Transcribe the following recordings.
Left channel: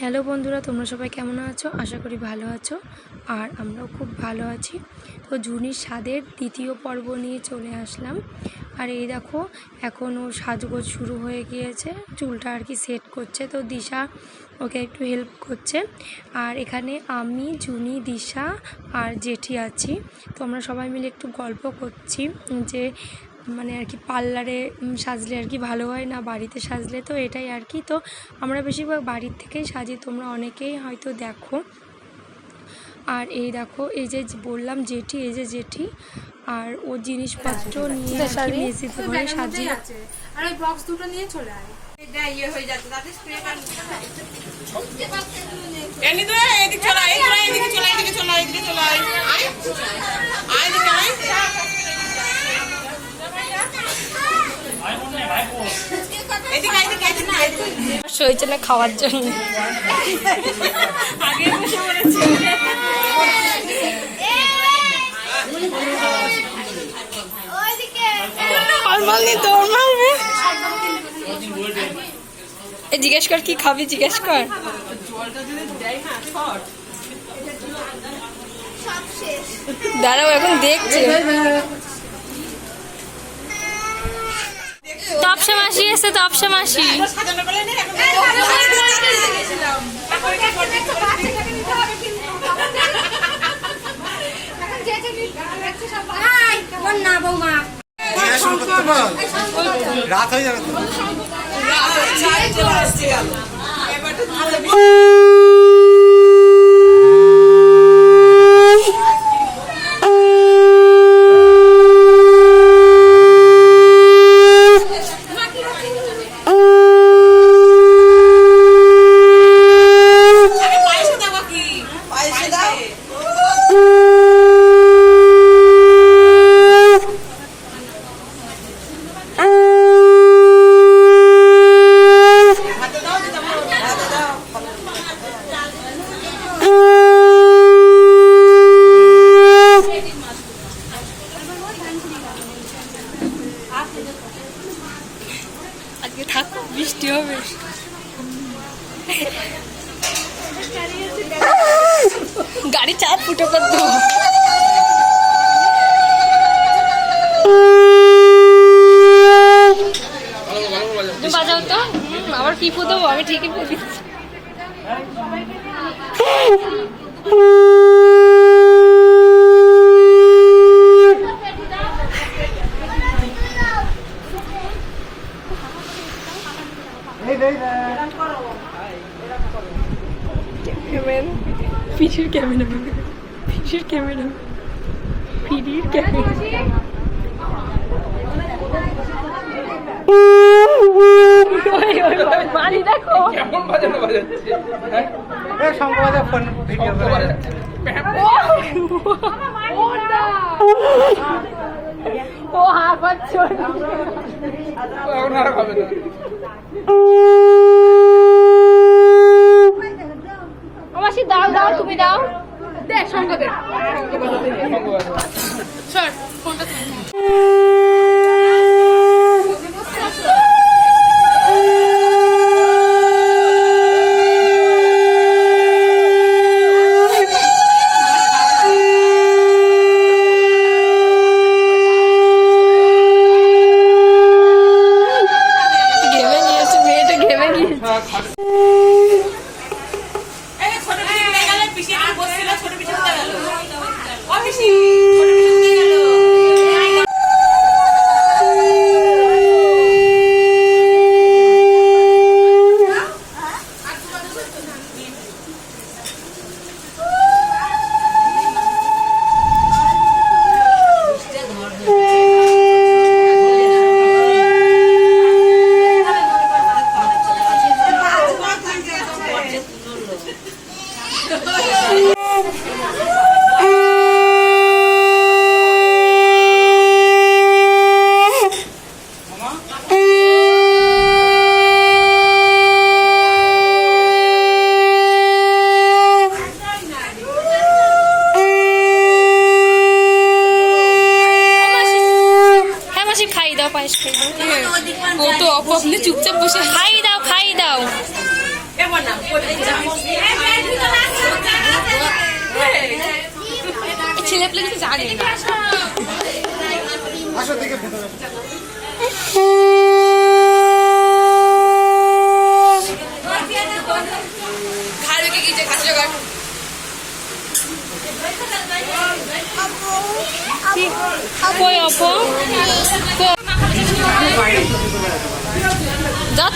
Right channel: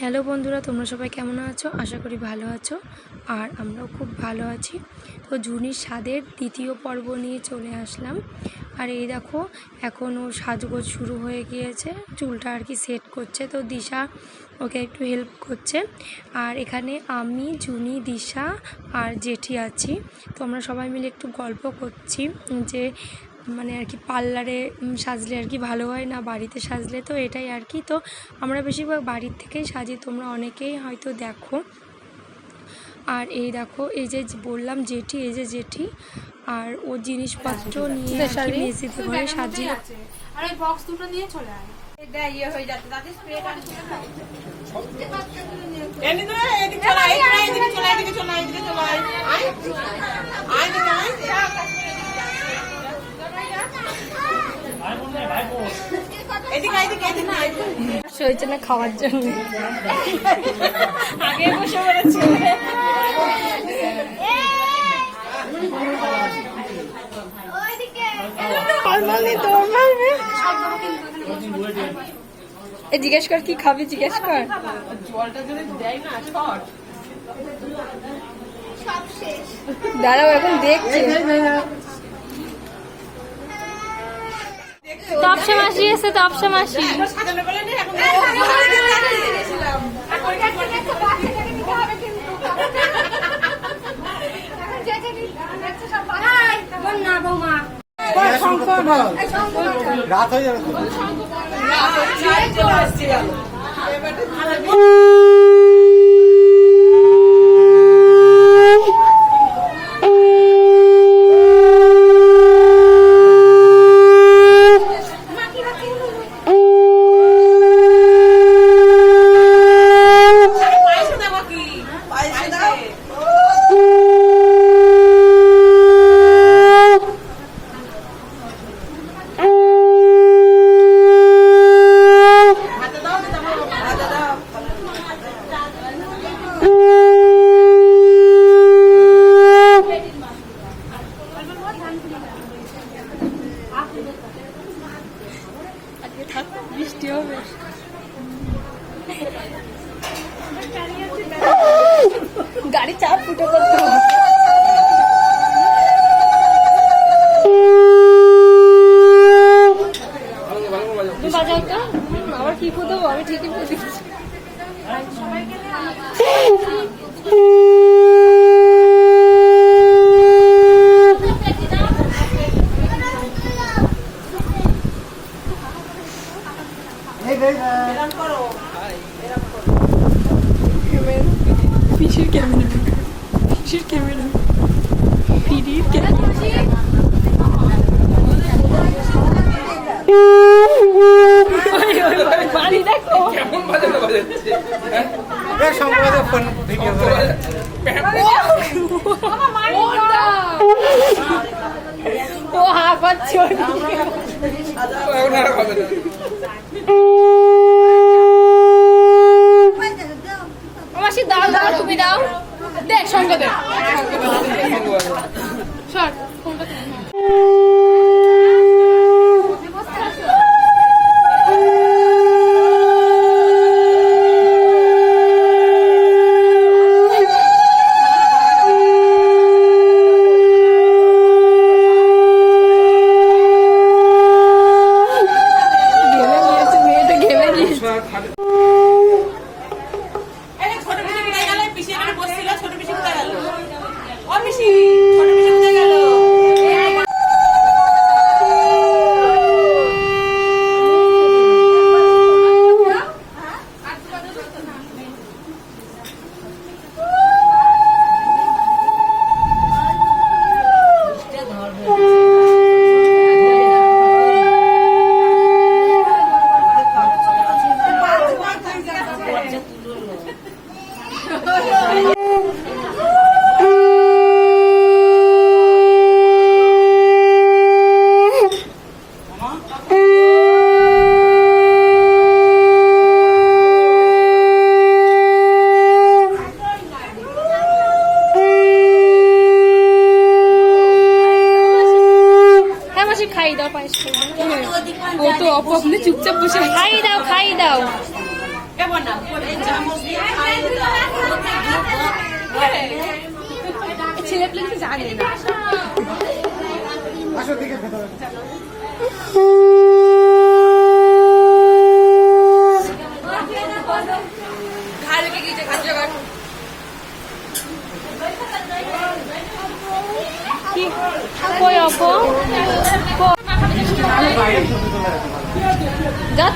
Hello বন্ধুরা, তোমরা সবাই কেমন আছো? আশা করি ভালো আছো, আর আমরাও খুব ভালো আছি। তো জুনির স্বাদের দ্বিতীয় পর্ব নিয়ে চলে আসলাম। আর এই দেখো, এখন ও সাজগোজ শুরু হয়ে গিয়েছে, চুলটা আর কি সেট করছে। তো দিশা ওকে একটু হেল্প করছে। আর এখানে আমি, জুনি, দিশা আর জেঠি আছি। তো আমরা সবাই মিলে একটু গল্প করছি যে মানে আর কি পার্লারে সাজলে আর কি ভালো হয় না বাড়িতে সাজলে তো এটাই আর কি। তো আমরা বেশিরভাগ বাড়ির থেকেই সাজি তোমরা অনেকেই হয়তো দেখো। আর এই দেখো এই যে বললাম জেঠি এই যে জেঠি আর ও জিনিসপত্র নিয়ে আর কি মেসিতে ঘরে সাজিয়ে আর ওই বক্স দুটো নিয়ে চলে আয়। এদিকে এদিকে চলো এদিকে চলো এদিকে চলো আয় আয়। আয় এদিকে এদিকে এদিকে না এদিকে হয়েছে না খাওয়ার জন্য। জিজ্ঞেস কর কি খাবি জিজ্ঞেস কর। দাঁড়াও এখন দেখছে। তপসা মাসি এসে তপসা মাসি। রাত হয়ে যাবে এবার তো ভালো আরে পায়েসে দেবো কি পায়েসে দাও হাতে দাও দিতে পারো হাতে দাও আজকে থাকো, বৃষ্টি হবে। গাড়ি চাপ ফুটো করতো বাজাও তো। আবার কি ফুদবো আমি ঠিকই ফু পিসির ক্যামেরা পিডির ক্যামেরা বাড়ি দেখো ফোন ও হা পাচ্ছে ও মাসি দাও দাও তুমি দাও দেখ সঙ্গে দেখ সর ফোনটা ধর। ঘেমে খাই দাও পায়েস খাই দাও। ও তো অপ আপনি চুপচাপ বসে খাই দাও খাই দাও। ছেলে কিছু জানে আসো দিকে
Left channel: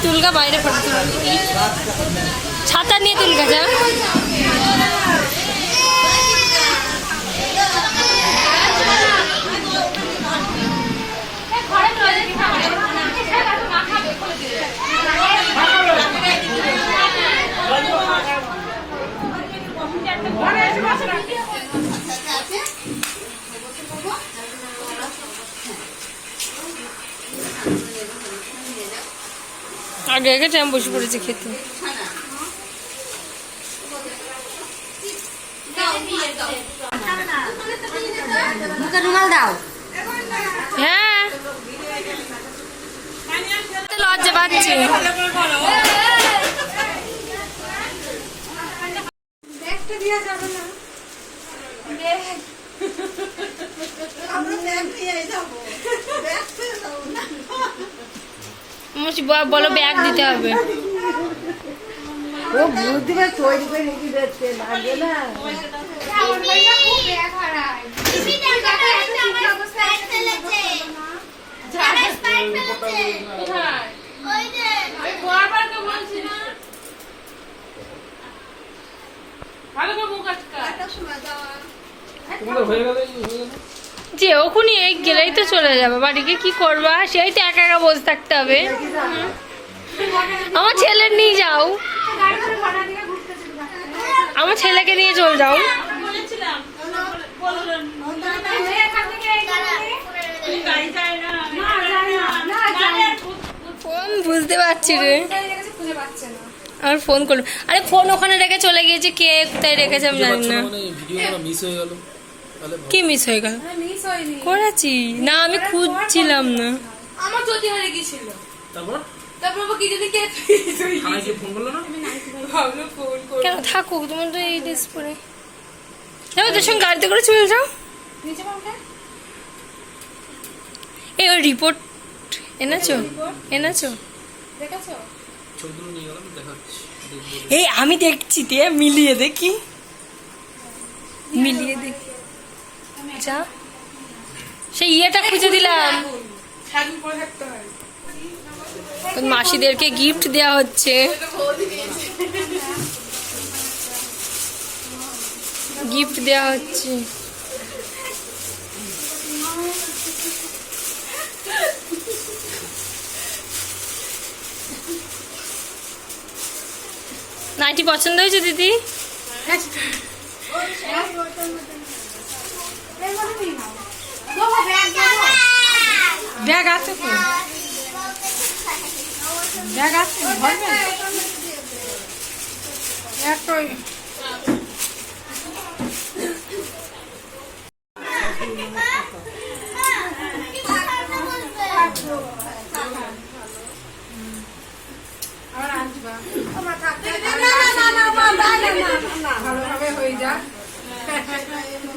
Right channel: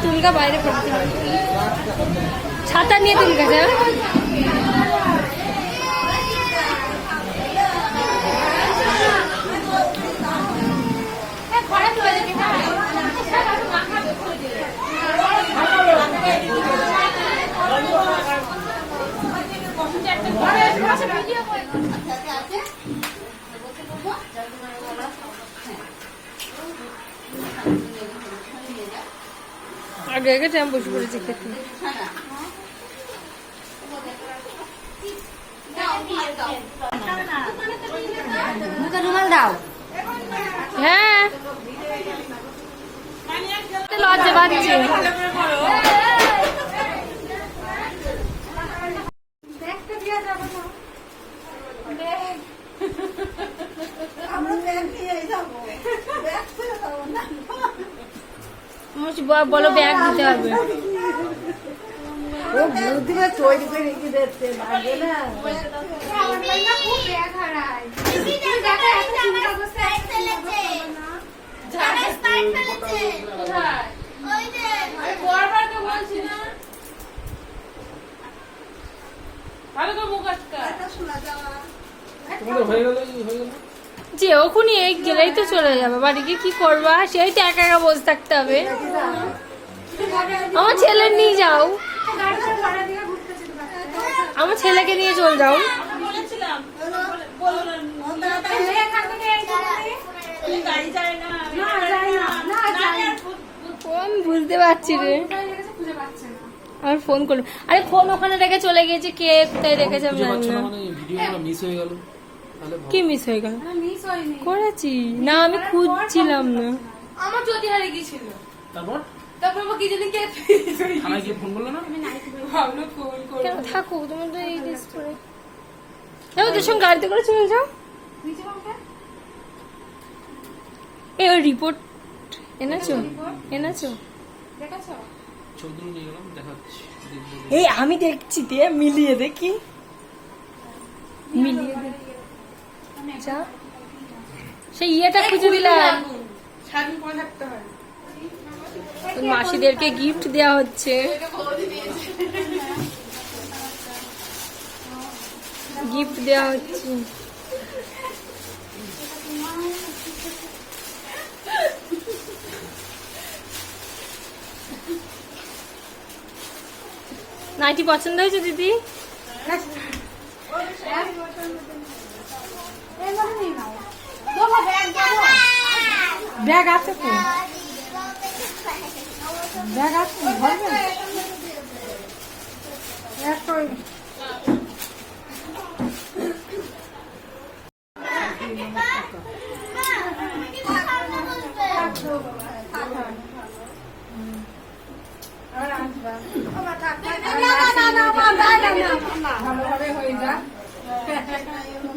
তুলকা বাইরে ফটো ছাতা নিয়ে তুলকা যা আগে আগে টাইম বসে পড়েছি খেতে। হ্যাঁ। লজ্জা পাচ্ছি। বলছি, ব- বলো ব্যাগ দিতে হবে। বারবার তো বলছি না ভালো করে মুখ আটকা হয়ে গেল হয়ে গেল। যে ওখানে এই গেলেই তো চলে যাবে। বাড়িকে কি করবা? সেই তো একা একা বসে থাকতে হবে। আমার ছেলে নিয়ে যাও। আমার ছেলেকে নিয়ে চল যাও। ফোন বুঝতে পারছি রে। আর ফোন করল। আরে ফোন ওখানে রেখে চলে গিয়েছে। কে কোথায় রেখেছে আমি জানি না। মিস হয়ে গেল। কি মিস হয়ে গেল? করেছি। না আমি খুঁজছিলাম না। আমার হারিয়ে তারপর? তারপর কি যদি কে ফোন করল না? ভাবলো ফোন করে কেন থাকুক তোমার তো এই ড্রেস পরে। যাও তোর সঙ্গে গাড়িতে করে চলে যাও। এই ওই রিপোর্ট এনেছো? এনেছো? দেখেছ? ছবিগুলো নিয়ে গেলাম দেখাচ্ছি। দেখব। এই আমি দেখছি দিয়ে মিলিয়ে দেখি। মিলিয়ে দেখি। যা সেই ইয়েটা খুঁজে দিলাম। মাসিদেরকে গিফট দেওয়া হচ্ছে। গিফট দেওয়া হচ্ছে। নাইটি পছন্দ হয়েছে দিদি? ব্যাগ আছে তো? ব্যাগ আছে ভরবে? একটা ওই আবার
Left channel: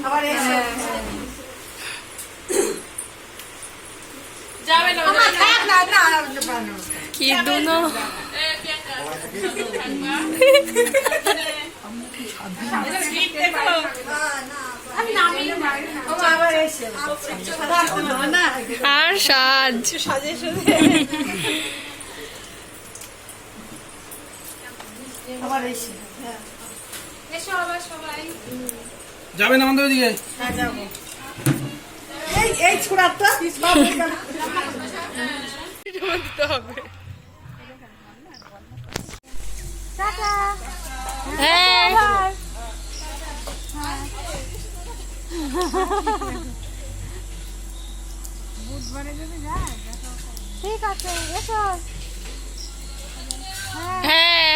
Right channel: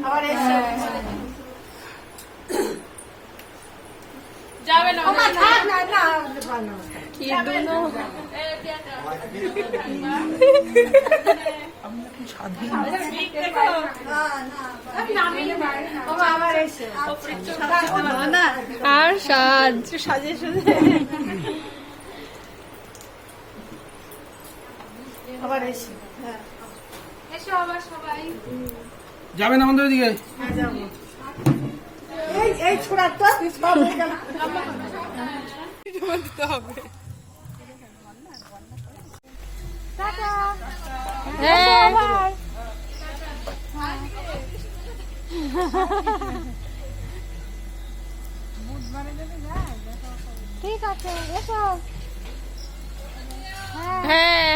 আবার এসে। যাবে না না। না না কি দুনো? আবার এসে আর সাজ আবার এসে এসো আবার সবাই যাবেন আমাদের ওইদিকে? হ্যাঁ ঠিক আছে হ্যাঁ।